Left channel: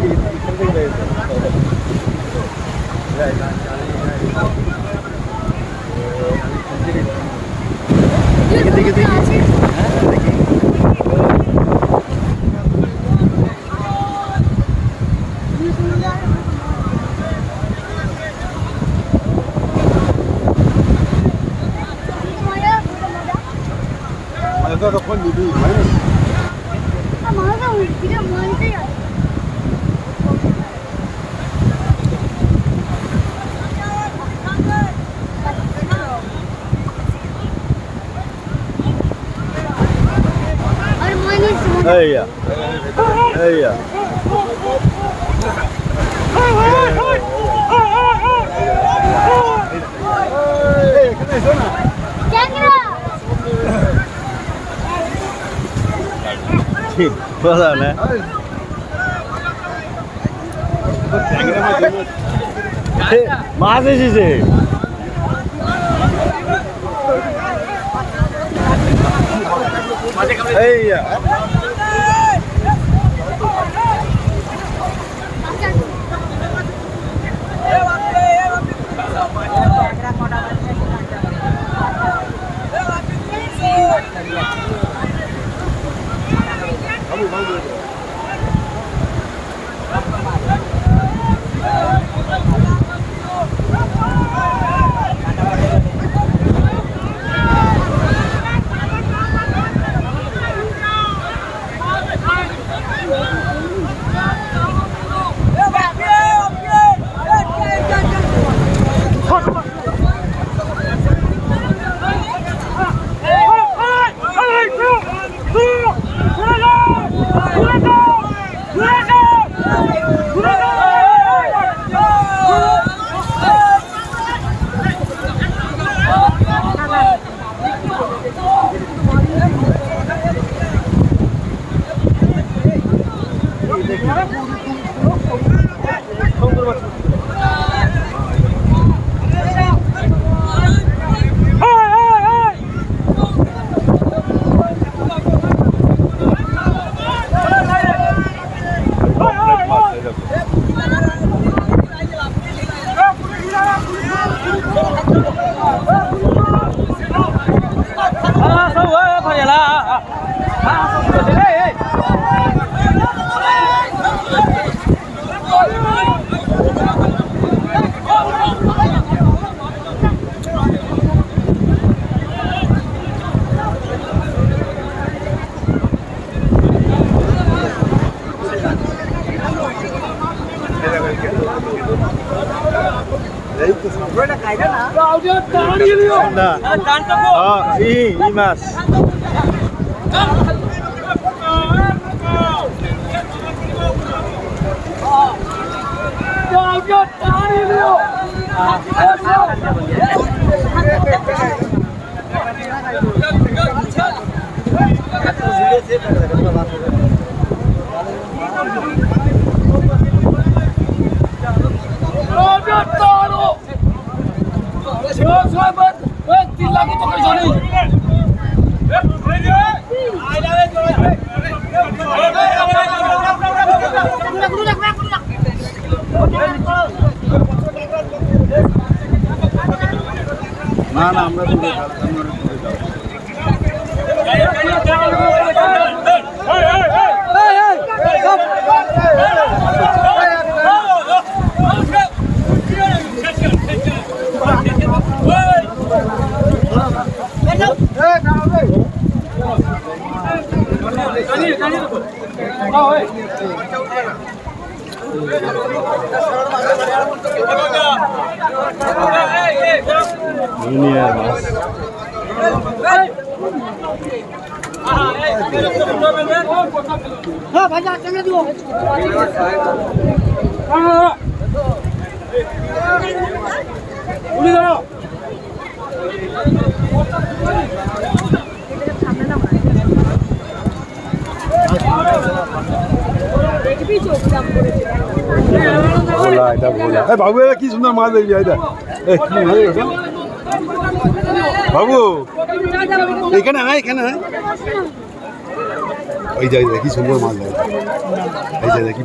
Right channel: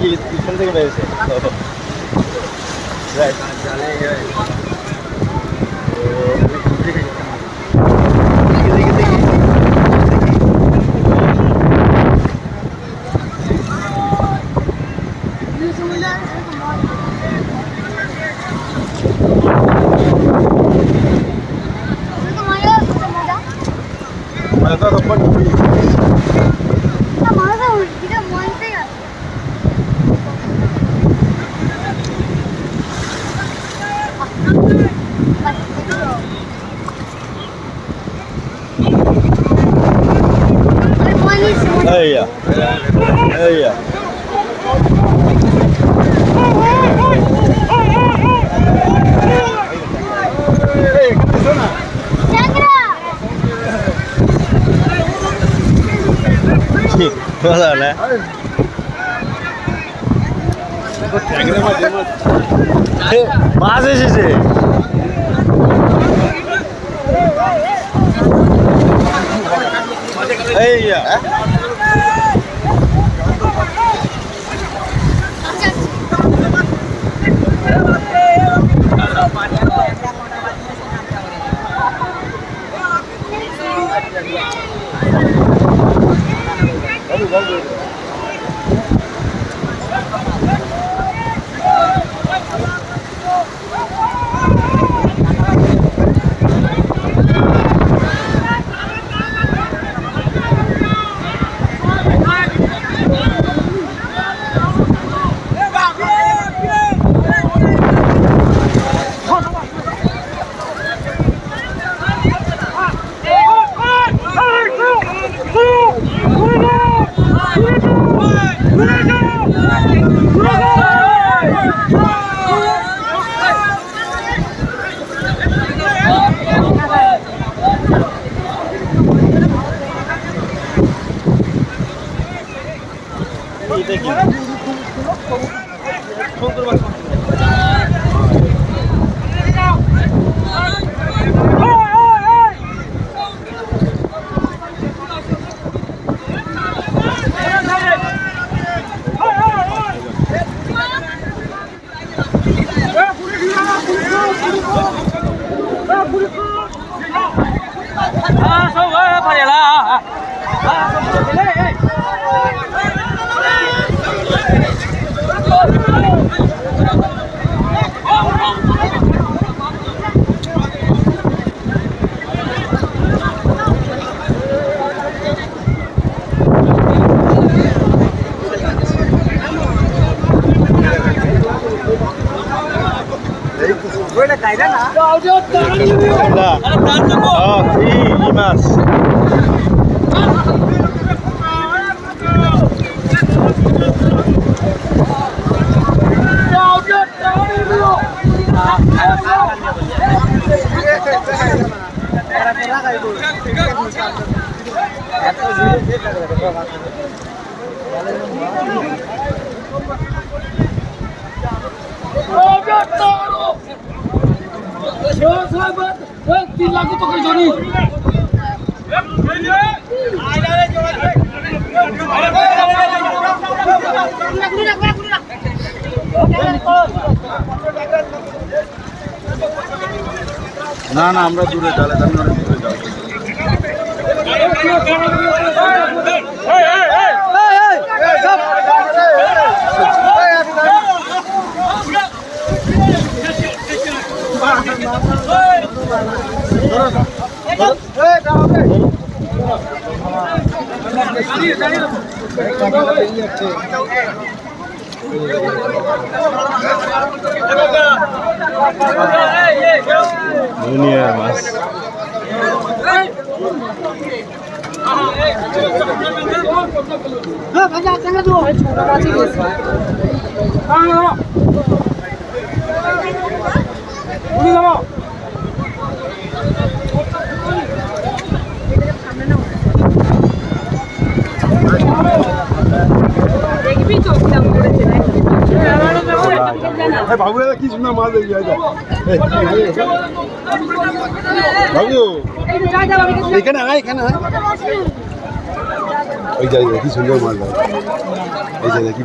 কি এখান থেকে বেরিয়েছে দেখি দেখি দেখি দেখি Mas eu tô de vídeo. Tá, mas eu queria muito. Eia, eia. Ei, que é zona? Sim, bola, né? Mas esse Eia. Vamos. দেখি Mas না না আমরা দূরে চলে যাই আমরা দূরে যাই দুনিয়ার মাছ হ্যাঁ ভাইয়া কেন দিও উনি ধরো সামনে না বাবু এরা কি সুন্দর মাছ দেখি বাবু এখানে আয় এখানে আয় এই যাই কি সুন্দর মাছ দেয় এই যাই কি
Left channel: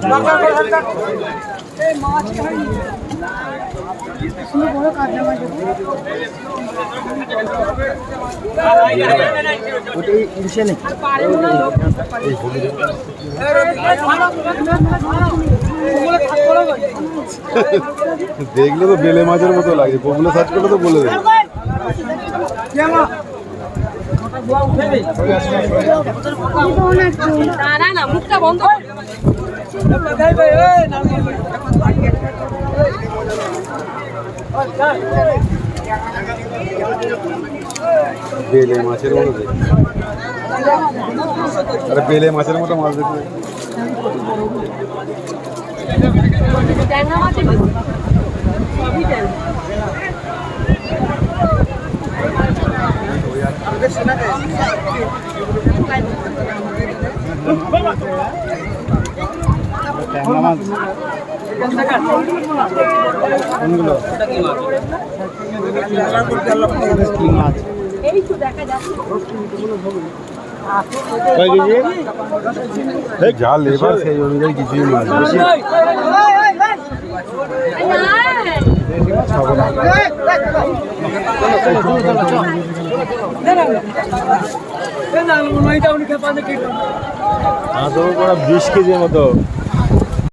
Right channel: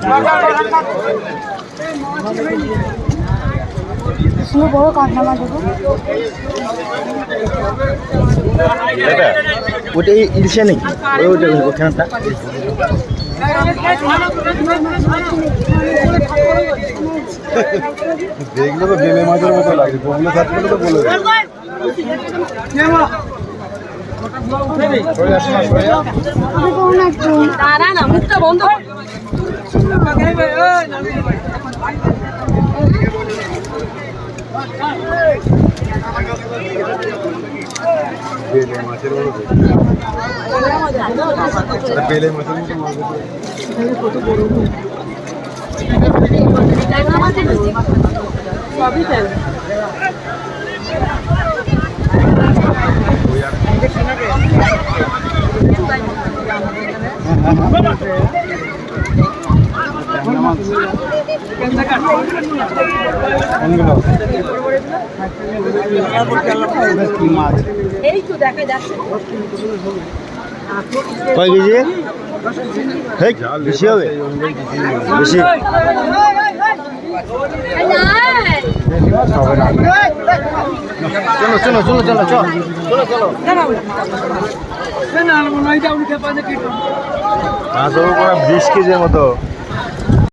বড় কাঁকড়া মাছ ওটা ইলিশে নাকি ওখানটা দেখলে তো বেলে মাছের মতো লাগে বগুলো সার্চ করলে তো বলে দেবে না মুখটা বন্ধ বেলে মাছের মতো আরে বেলে মাছের মতো মাছ দেখলে সবই তেল কোনগুলো কি মাছ এই তো দেখা যাচ্ছে কয় কেজি ঝাল বেশি হবে বেশি হবে না চলো চলো চলো চলো চলো মাছ হবে পুরো 20 কেজির মতো